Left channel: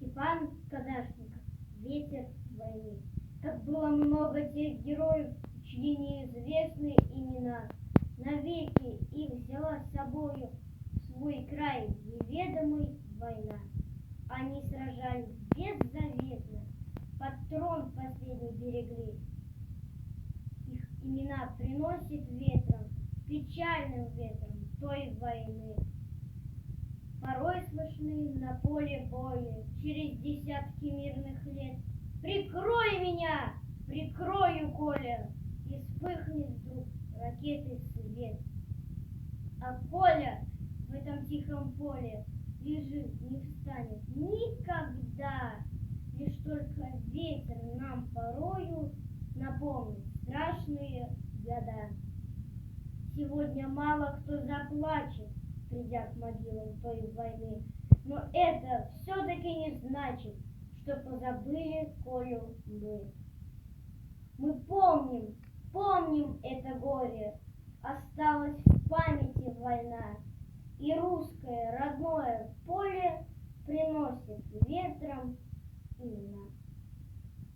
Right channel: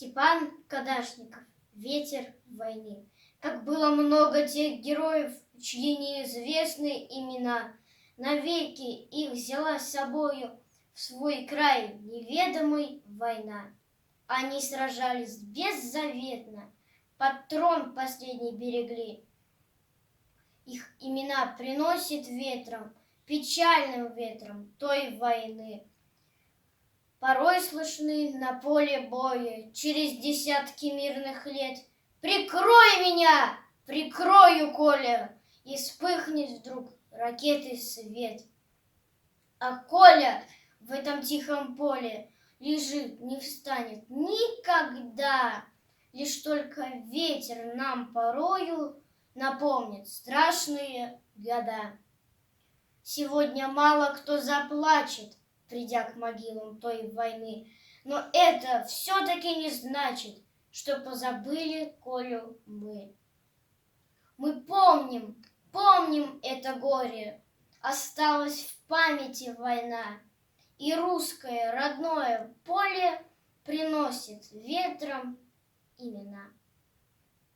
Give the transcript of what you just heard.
Степан Кадашников. Ветер войны. Как было много тех героев, чьи неизвестны имена. Навеки их взяла с собою в свой край неведомый война. Они сражались беззаветно, под трон последний берегли. Их имена приносит ветром, печальным ветром той войны. Порой слышны на поле боя через десятки мирных лет: «Прикрой меня! Прикрою, Коля!» И вспыхнет вдруг ракеты свет. А Коля в этом тихом поле лежит, не встанет никогда. Лишь только ветер нам порою напомнит страшные года. Сегодня мало кто заплачет, придя к могилам той войны, но это все-таки не значит, что позабыли Колю мы. Мы помним это горе, осталась в памяти война, и русское родное поле приносит ветром имена.